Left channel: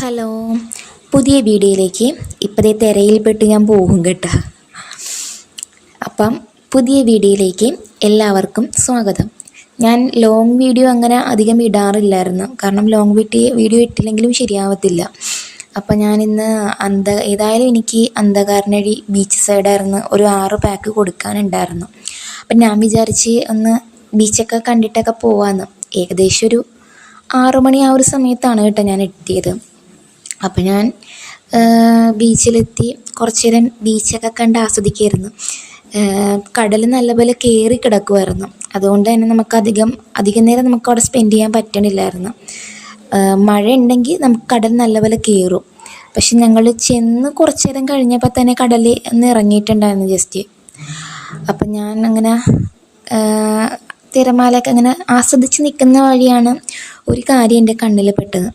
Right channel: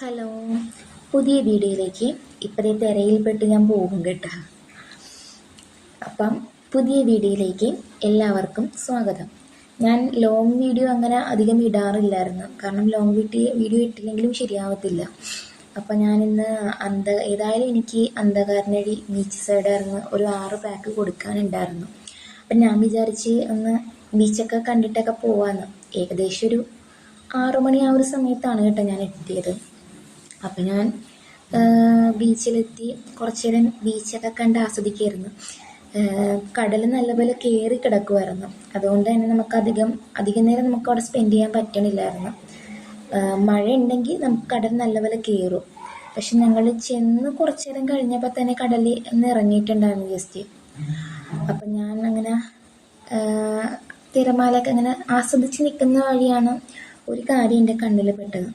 Hello, പുതിയ വീഡിയോയിലേക്ക് ഇപ്പോഴത്തെ തിരയിൽപ്പെട്ട് ഞാൻ പോകും കേട്ടോ. അപ്പം പുതിയ വീഡിയോയിലേക്ക് എല്ലാവർക്കും സ്വാഗതം. ഞാൻ ലോങ് വീഡിയോ അങ്ങനെ അധികം ഇടാറില്ലായിരുന്നു, കാരണം ലോങ് വീഡിയോ ഇട്ടില്ലെങ്കിലും ശരിയാവത്തില്ല. അപ്പം ഞാനിന്ന് ഏതായാലും എനിക്ക് അന്ധകാരനഴി ബീച്ച് സൈഡായിരുന്നു ഒരു 6 പാക്ക് കൊടുക്കാനുണ്ടായിരുന്നു. അപ്പം ഞാൻ വിചാരിച്ച് ഒന്ന് ബീച്ചൊക്കെ കണ്ടിട്ടൊക്കെ പോവാമെന്ന്. ഏകദേശം ഒരു 6 മണി ആ ഒരു സമയത്താണ് കേട്ടോ ഞാൻ എത്തിയത്. അപ്പം ഞാൻ ബീച്ചിലെത്തി കുറച്ച് നേരം ബീച്ചൊക്കെ കണ്ട് ആസ്വദിക്കുമായിരുന്നു. കടൽ നല്ലപോലെ കയറി കിടക്കുമായിരുന്നു, അതുകൊണ്ട് തന്നെ നമുക്ക് അധികം നേരം നമുക്ക് അവിടെ സ്പെൻഡ് ചെയ്യാൻ പറ്റണില്ലായിരുന്നു. മഴ ഉണ്ടെങ്കിൽ നമുക്ക് കടൽ നല്ലപോലെ കയറും. പക്ഷെ ഞങ്ങൾ ചെന്ന് കുറച്ച് നേരം കഴിഞ്ഞപ്പോൾ തന്നെ കടലിൽ ഒന്ന് ഇറങ്ങിയിട്ടുണ്ടായിരുന്നു ജസ്റ്റ്. അപ്പം ഞാൻ അങ്ങനെ തിരമാലയൊക്കെ അങ്ങനെ ആസ്വദിച്ച് നിൽക്കുന്ന വഴിയാണ് ഒരു കാര്യം എൻ്റെ കണ്ണിൽ പെട്ടത്.